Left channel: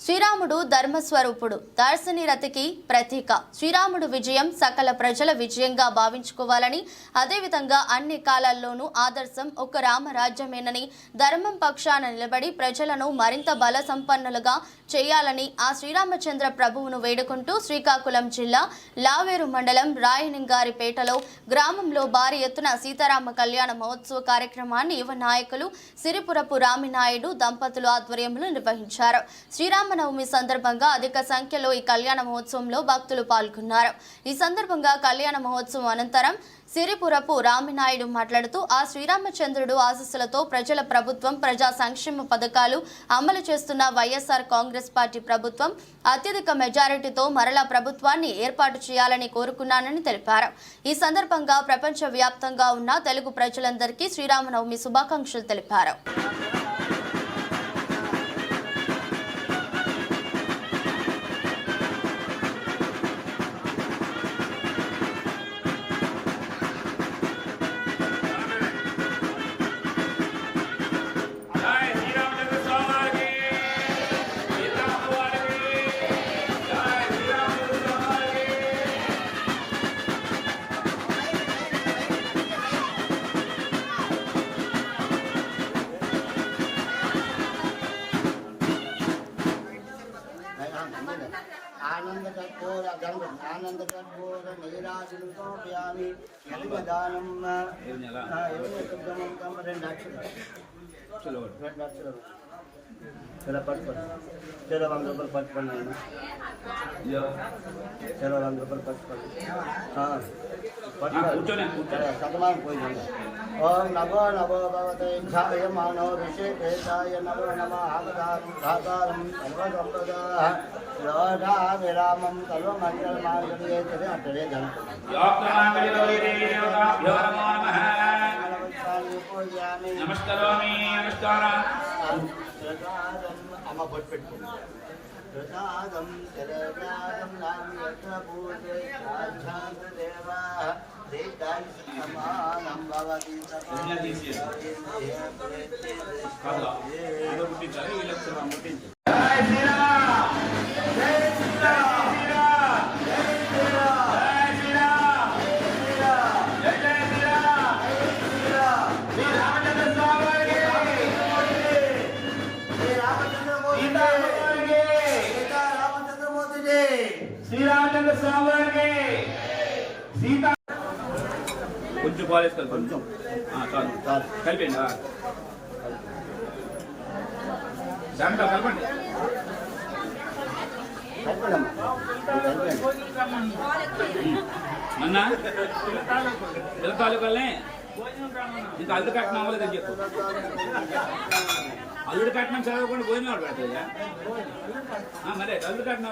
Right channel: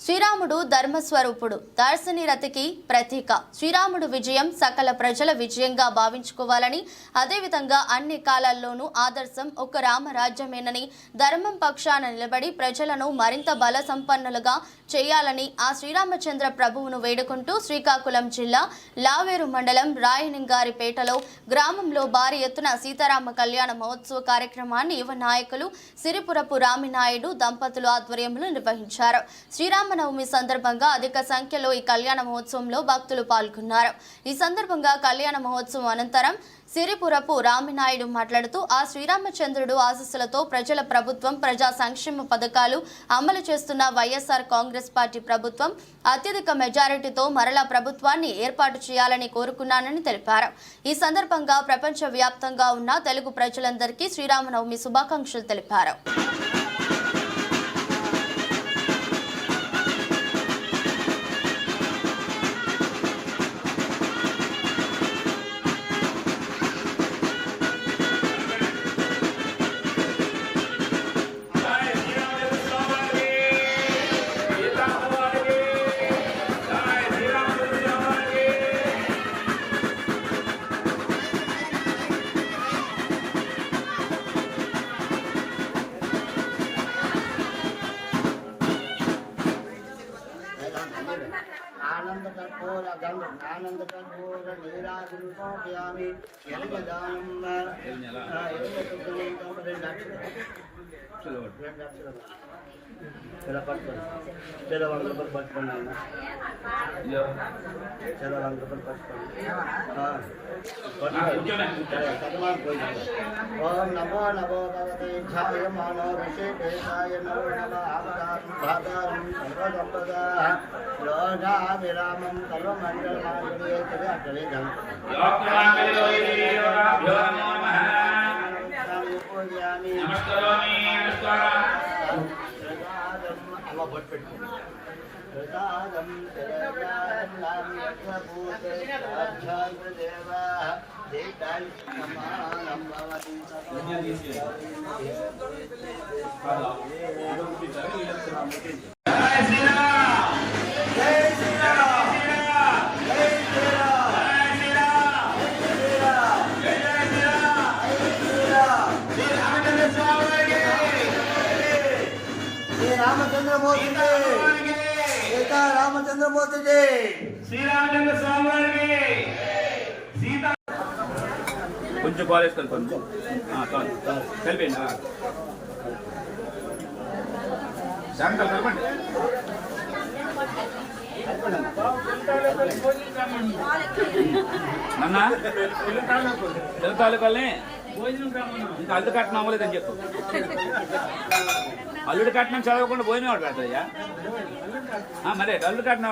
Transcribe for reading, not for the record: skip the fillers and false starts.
శ్రీరాముడు ధర్మస్వరూపుడు, దార్శని రతికి ప్రతీక. శ్రీరాముడు విజయం సకల ప్రజల విజయంగా భావించుకోవాలని, అదేవిధంగా అన్ని కాలాల్లోనూ ఆదర్శం ఒక రామరాజ్యమేనని, ధర్మం పక్షాన నిలబడి ప్రజలను మరింత బల సంపన్నులుగా చేయాలని ఆ శ్రీరామచంద్ర ప్రభువును వేడుకుంటూ శ్రీకాకుళం జిల్లా లావేరు మండలం రాయనింగారిపేటలో గ్రామంలో భారీ ఎత్తున సీతారామ కళ్యాణ మహోత్సవ కార్యక్రమాన్ని యువ నాయకులు సిరిపురపు రామినాయుడు దంపతులు ఆధ్వర్యంలో నిర్వహించారు. శ్రీరామనవమి సందర్భంగా అధిక సంఖ్యలో ఈ కళ్యాణ మహోత్సవంలో భక్తులు పాల్గొన్నారు. ఈ సందర్భంగా కళ్యాణ మహోత్సవం అనంతరం సిరిపురపు రామినాయుడు మాట్లాడుతూ ఆ శ్రీరామచంద్రుడు ఆశీస్సులతో ప్రజల ప్రభుత్వం ప్రజా సంక్షేమ పథకాలు అమలు చేస్తున్న వైఎస్ఆర్ కాంగ్రెస్ పార్టీ ప్రభుత్వం అత్యధిక మెజారిటీతో మరలా ప్రభుత్వాన్ని ఏర్పాటు చేయాలని కోరుకున్నానని తెలిపారు. ఈ సందర్భంగా ప్రపంచ వ్యాప్తంగా ఉన్న తెలుగు ప్రజలందరికీ శ్రీరామనవమి శుభాకాంక్షలు తెలిపారు. आनंद कर्पूर नीराजनोपयामि यज्ञगानं चलो पट चलो वंदर पर पट पड़ना चलो वंदर पर पट पड़ना हाँ सतमान कोई नहीं ओम नमो नमो भगवते ध्याय मानव विशेषाय नमो नमः आगतारं सर्वसंपदाः लोधा विरामं सर्वमंगलमांगल्ये तवे अटले धन पूजयामि नमस्कारामि नमस्कारं अम्मा बोट पेट्टुकोंడి प्रसादं तेरव्यादं नाम्यकभूते साक्षात्देवाः देताय समानं भवति శ్రీరామచంద్ర స్వామి వారికి సీతా కొంచెం కాలేజ్ కలపండి చాలు కలిపండి శాంతాలు కలపండి నన్న పిల్ల తాలూకాలనే ఇంకా అల్లుడు కట్నం అవ్వలేదని చెప్పు. అల్లుడు కట్నం చదవకుండా పోయిన వాడు పెడతాయ్యా. మరే అల్లుడు కట్నం